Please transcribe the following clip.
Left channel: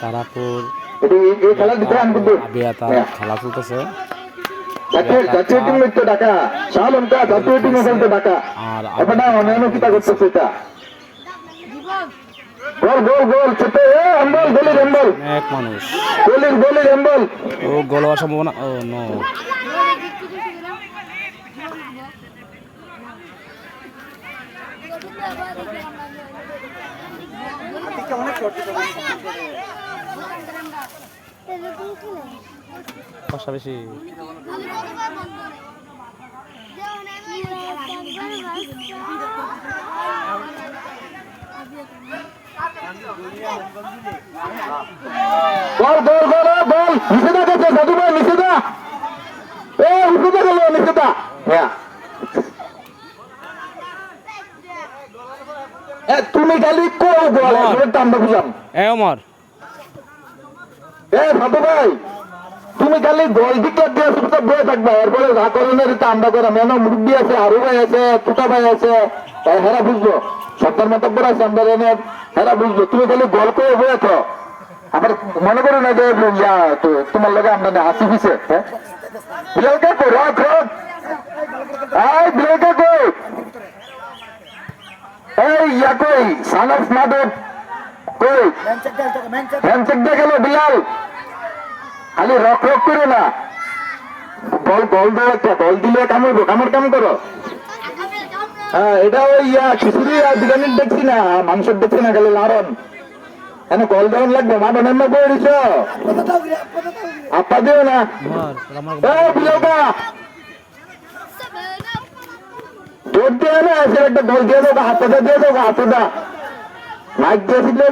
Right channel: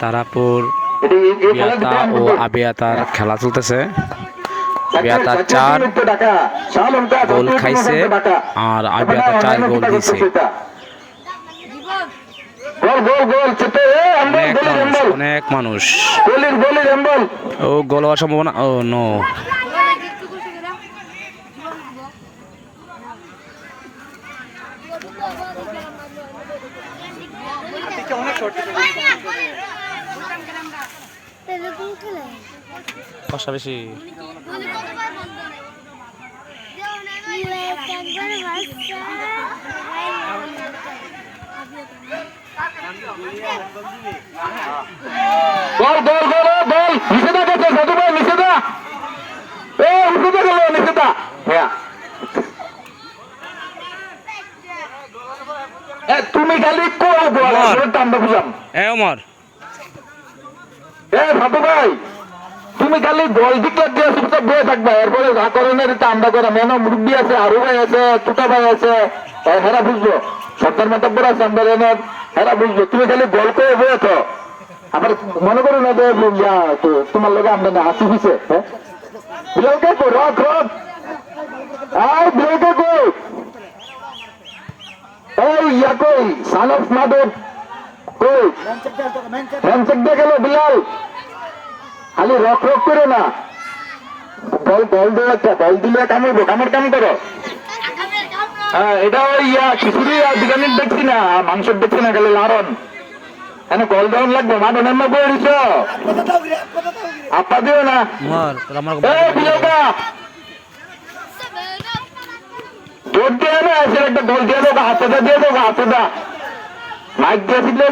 তারাপুর বিয়াতা ও আবিয়াতার খেলা চলতেছে। বিয়াতা 4 গোল খাইছে আর আবিয়াতা 4 গোল দিছে। অনেক মানুষ ও গোল হওয়ার সম্ভাবনা। ও নো, পাশাপাশি তুমি খালি ভাই, তুমি খালি বল দিকে দিয়ে থাকবা, এরপরে যা করণের আমরা করা মনে মুরব্বী আছে, আরো ভাই আছে, টুকা ভাই আছে, হেরা বুঝবো, সরকার মাতাব্বর আছে আমরা হেরা বুঝবো। তুমি খালি বল করে বয়েছ, আবার মনে করো না যে তোমার লোক আমরা না হাসি খুশি বিলালকে তো রাখ রাখ বিলালকে কই এই ইয়া কই সান অফ মাদক কই হ্যান্ডশেক দিয়ে গেল বিলাল, খালি রক রক করো না, বল বল দিলে বল দিলে কামড়বো, কামড় কাম করো। হ্যাঁ এটা ওই খিচুড়ি আর বিরিয়ানির দেখছি না, মাংসের দেখছি না, খালি লারন কেন কল দেওয়ান লাগবে, মাঠনের না বয়ে দিছ আপা দিও না। তোর দিয়ে না একটা দল দিয়ে দেবো, হাতে দিয়ে দেবো, হাতে দা মাইক দিয়ে